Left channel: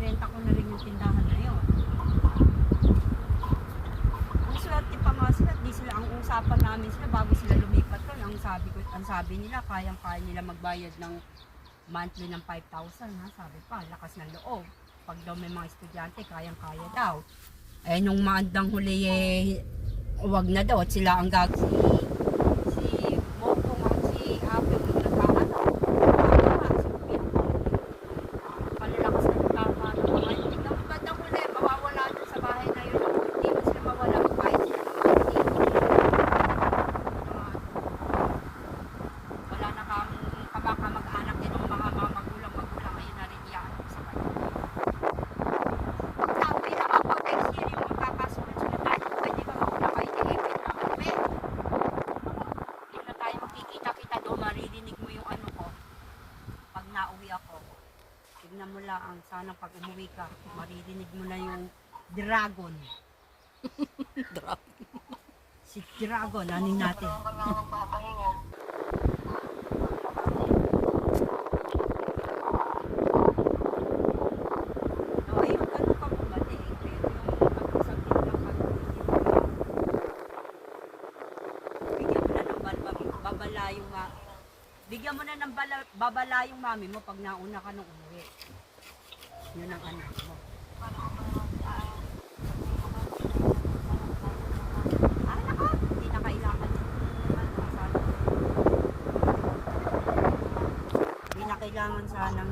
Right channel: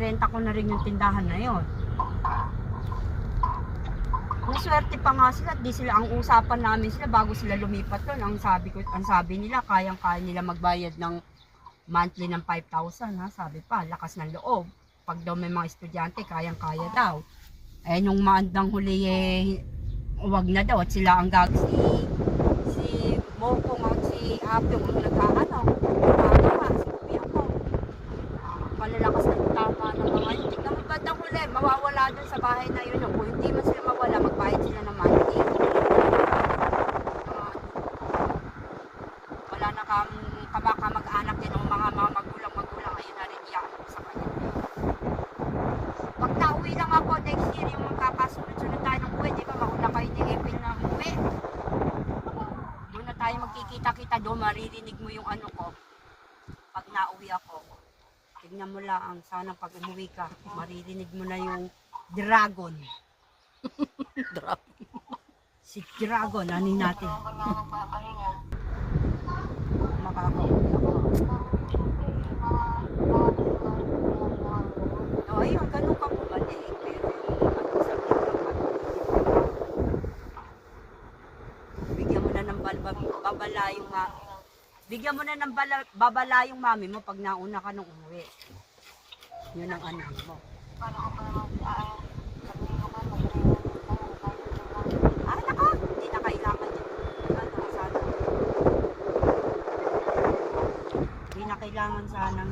nirenta ko na rin yung tindahan na yon. Ang swerte pa nga sila, di sila ang usapan namin sila bago sila lumipat doon. Ang sabi nila, kayang-kaya nila magbayad ng monthly ng 5,000 ha. Sabi pa, lakas ng loob. Pag daw may mga estudyante, kayang-kaya daw. Eh nung maandang huli wag na daw at sila ang si Bokong at si Apyo ang nag-aano. Palalakas ng tama ng mga hindi. Ang bandang huli, mawawala dun sa bahay na yun. Ako, hindi man sila mawala, magbayad sila ng monthly. Wala na kamag-anak din ng mga magulang. Ayun na rin iyan ako sa kanya. Pag nauwi lang ako, next year yung magkakasunod-sunod tayo ng buhay. Di ba mauna kayo ni-ipin ng uwi? Doon na tayo magkikita-kita doon. Maririnig mo yung ano ko. Pag nauwi ako. Tignan mo lang, sana pag umuwi ka, maririnig mo na yung dragon. Dragon. Si dragon, anin natin. No, ayun, ganun ka bumalik. Pero yung sabihin ka pag bigyan mo na ng babala yung bigyan mo na ng babala yung mami mo pag nauna ka nung umuwi. Yun ang ano mo. Naka, hindi na kailangan yung hindi na kailangan sanang